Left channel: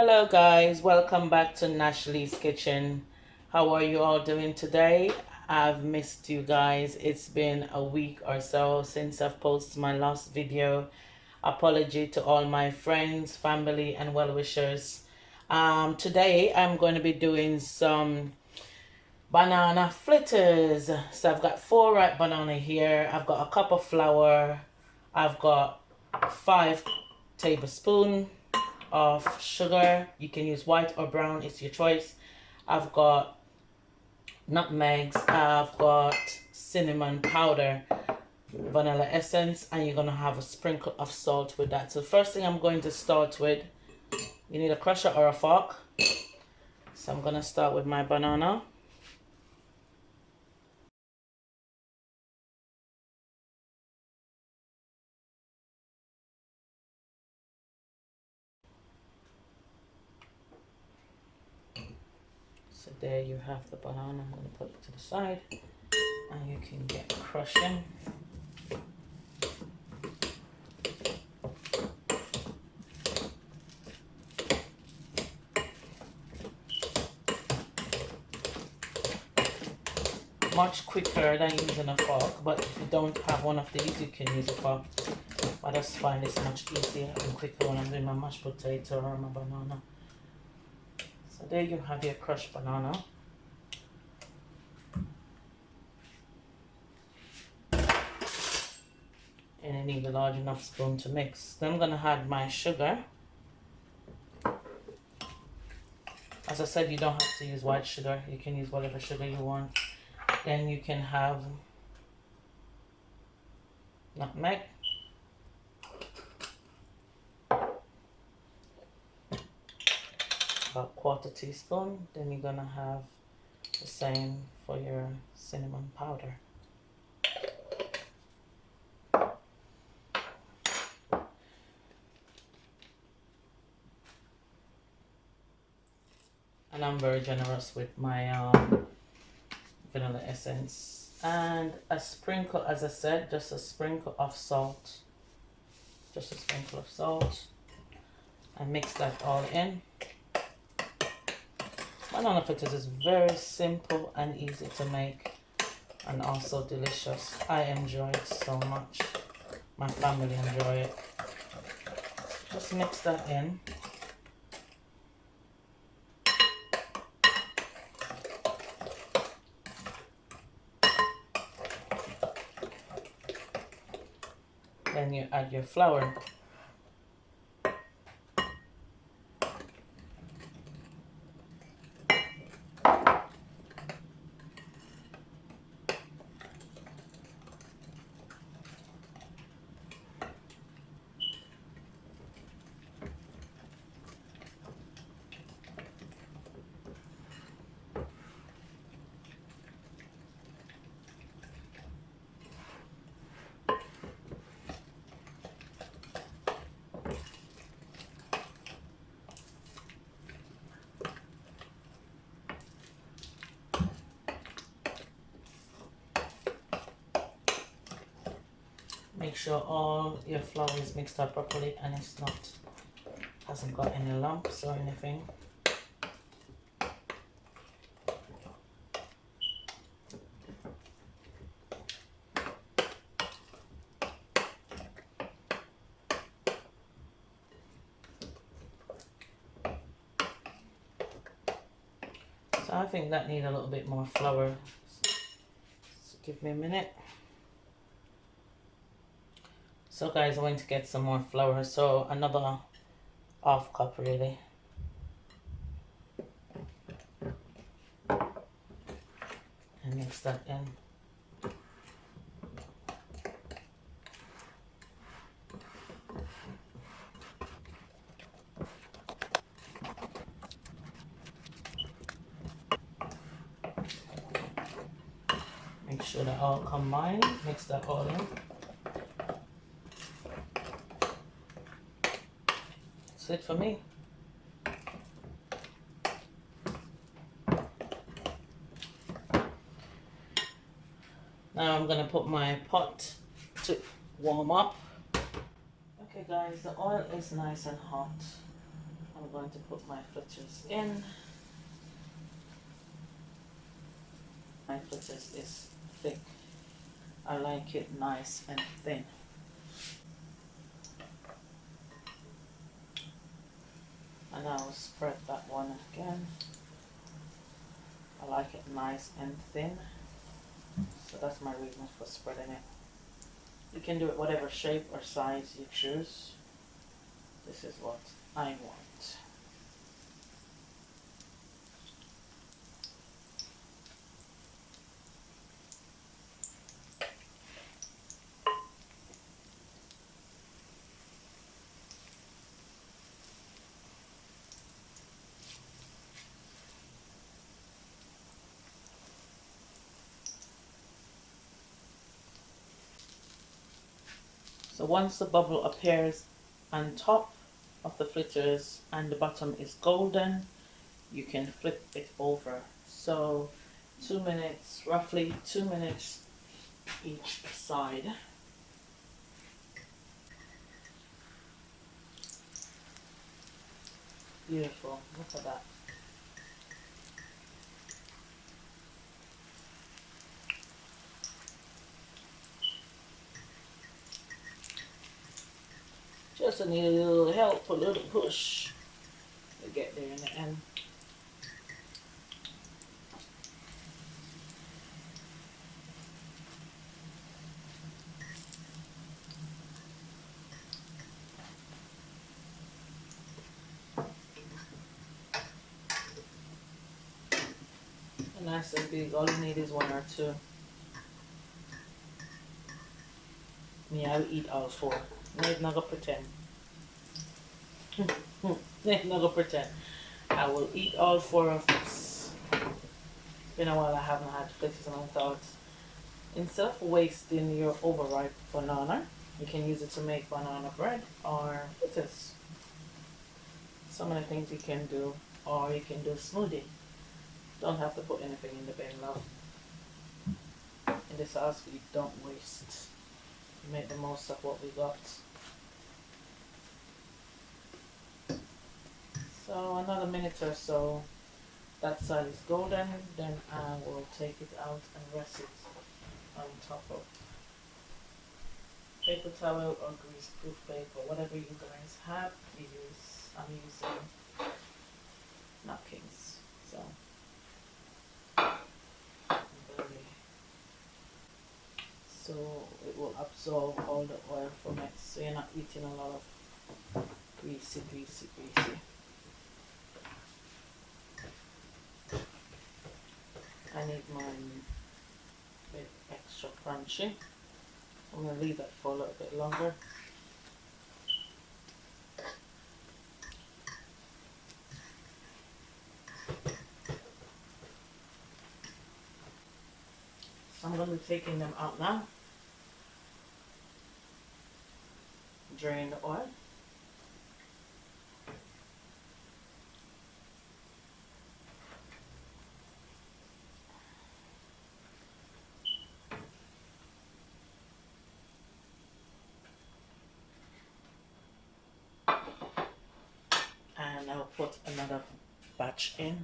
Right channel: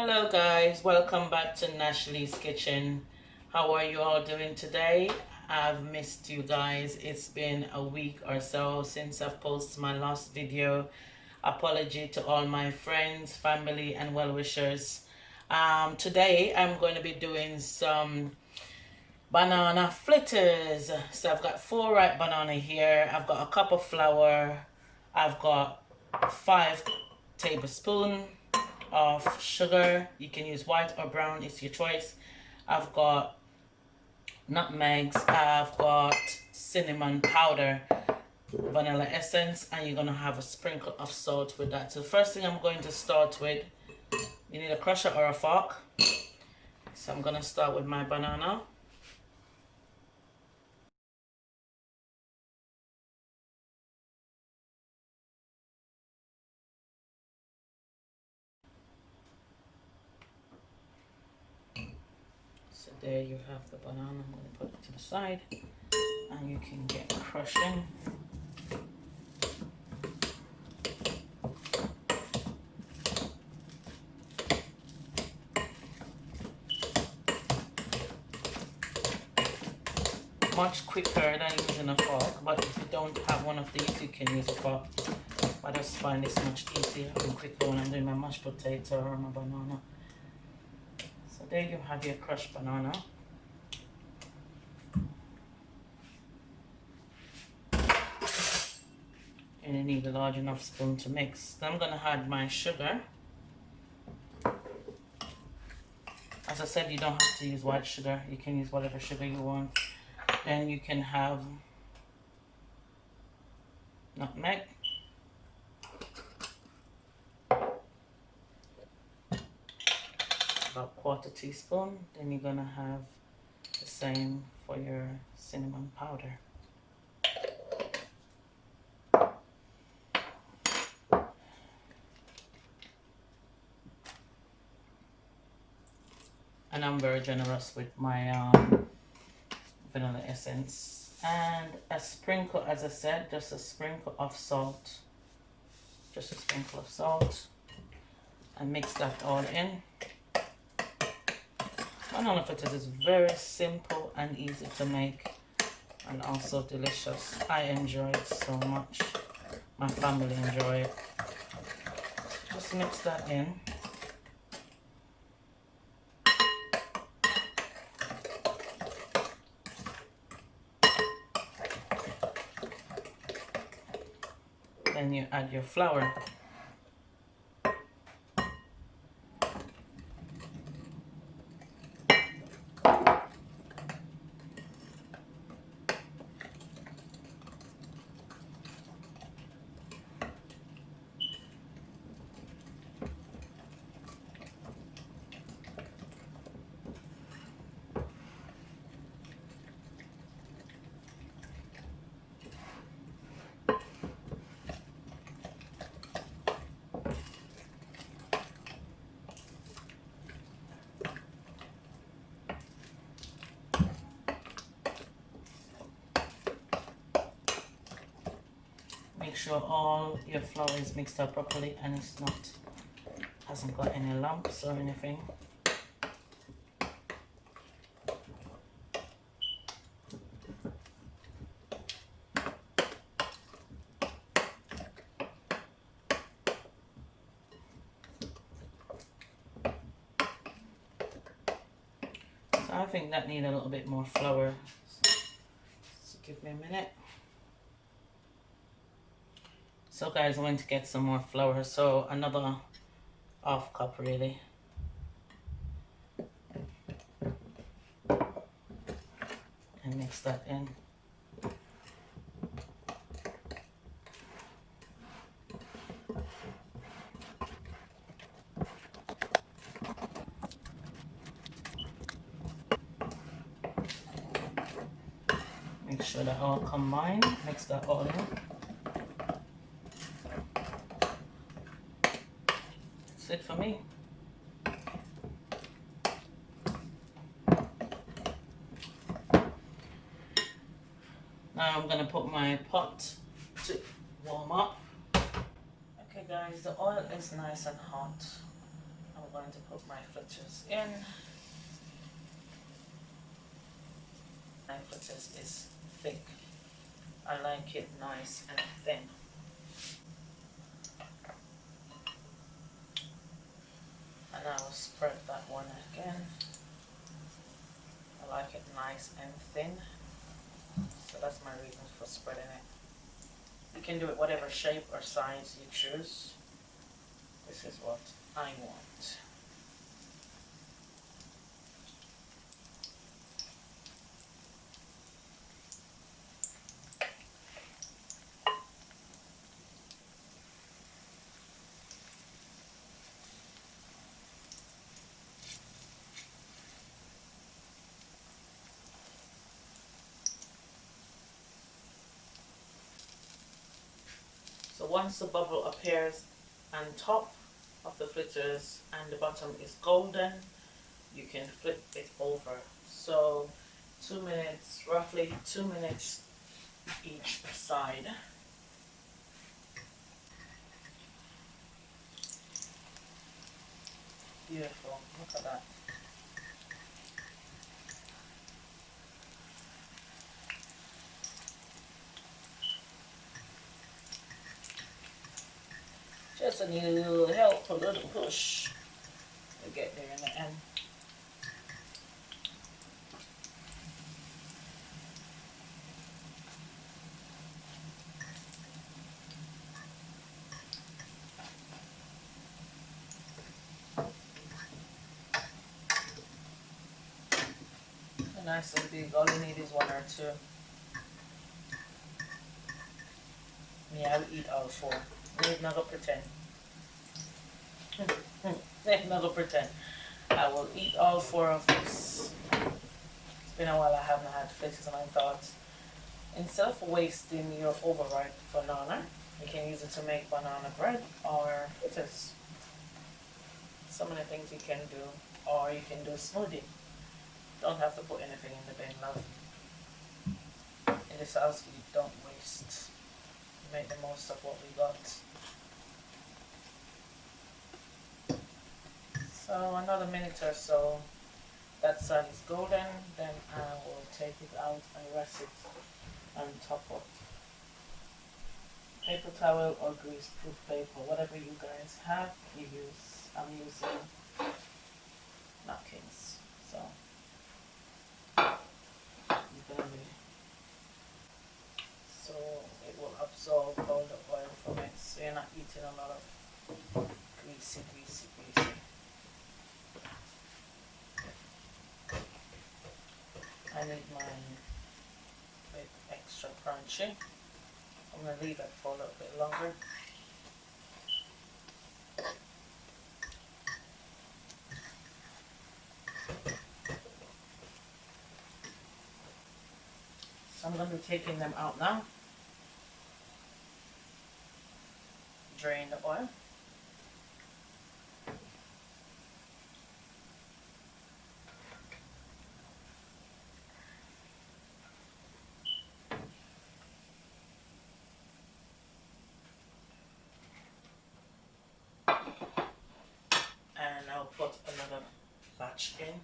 Hello guys, welcome back to Nashley's Kitchen. How are you all doing today? I've missed you guys. It's been a week or so since I've posted my last video. Apology to all my friends, family and well-wishers. Today I'm going to be doing some banana fritters. So I've got 4 ripe banana here. I've got a cup of flour. I've got 5 tablespoons of sugar. You can use white or brown, it's your choice. I've got nutmegs, I've got cinnamon powder, vanilla essence, and you're gonna have a sprinkle of salt with that. So the first thing I'm going to start with, you need a crusher or a fork. So I'm gonna start with my banana. So there you have the banana. I'm gonna put it to the side and you can get crushing. Much quicker than using a fork, but if you don't have one of these, you can use a fork. But I just find this much easier and quicker when I'm doing my mashed potato or my banana. So there you have your crushed banana. And you need a large enough spoon to mix. Then I'm gonna add my sugar. As I said, you don't have to use white sugar. You can use whatever sugar you want. Then you can have nutmeg. About 1/4 teaspoon. Then you're gonna have the same for your cinnamon powder. And I'm very generous with my vanilla essence. And a sprinkle, as I said, just a sprinkle of salt. Just a sprinkle of salt. And mix that all in. Banana fritters is very simple and easy to make. And also delicious. I enjoy it so much. My family enjoy it. Just mix that in. Then you add your flour. Make sure all your flour is mixed up properly and it's not hasn't got any lumps or anything. So I think that needs a little bit more flour. So give me a minute. So guys, I'm going to get some more flour. So another 1/2 cup really. And mix that in. Make sure that all combine. Mix that all in. That's it for me. Now I'm gonna put my pot to warm up. Okay guys, the oil is nice and hot. I'm I'm going to put my fritters in. My fritters is thick. I like it nice and thin. And I'll spread that one again. I like it nice and thin. So that's my reason for spreading it. You can do it whatever shape or size you choose. This is what I want. So once the bubble appears on top of the fritters and the bottom is golden, you can flip it over. So 2 minutes, roughly 2 minutes each side. Beautiful, look at that. Just need a little help, a little push to get there in the end. Nice and big, all you need is one or two. Me, I will eat all four. Me not gonna pretend. Me not gonna pretend. I will eat all four of this. It's been a while I haven't had fritters, and I thought, instead of wasting your overripe banana, you can use it to make banana bread or fritters. So many things you can do, or you can do a smoothie. Don't have to put anything in the bin, love. In this house, we don't waste. We make the most of what we got. So another minute or so, that side is golden, then I will take it out and rest it on top of paper towel or greaseproof paper, whatever you guys have, you use. I'm using napkins, so so it will absorb all the oil from it, so you're not eating a lot of greasy. I need mine extra crunchy. I'm going to leave it for a little bit longer. So I'm going to be taking them out now. Drain the oil. And I'll put another batch in.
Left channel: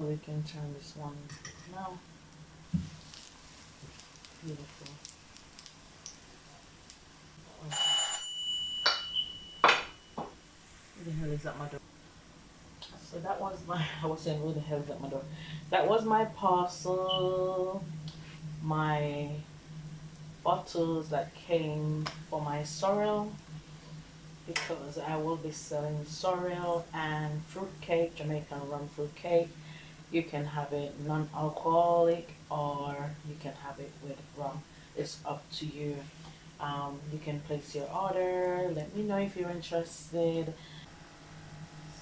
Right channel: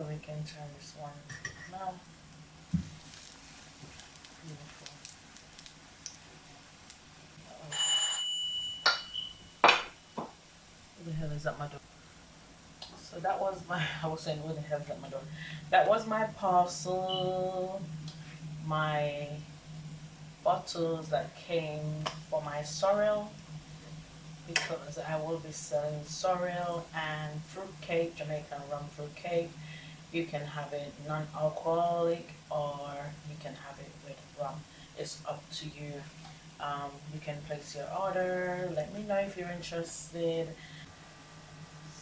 We can turn this one now. Beautiful. Who the hell is at my door? So that was my, I was saying, who the hell is at my door? That was my parcel, my bottles that came for my sorrel. because I will be selling sorrel and fruit cake, Jamaican rum fruit cake. You can have it non-alcoholic or you can have it with rum. It's up to you. You can place your order. Let me know if you're interested.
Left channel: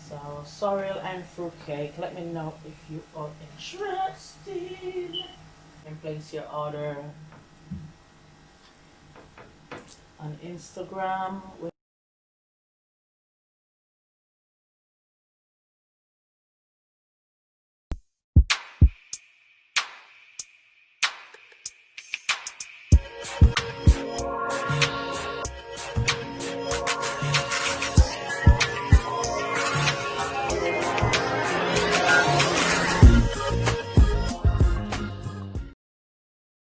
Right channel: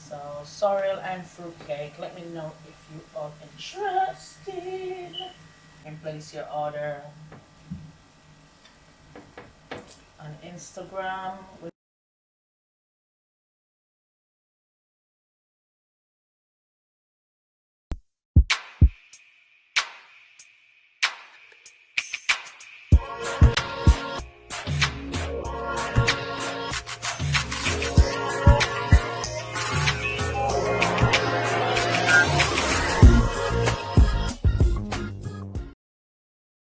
So sorrel and fruit cake. Let me know if you are interested. You can place your order on Instagram with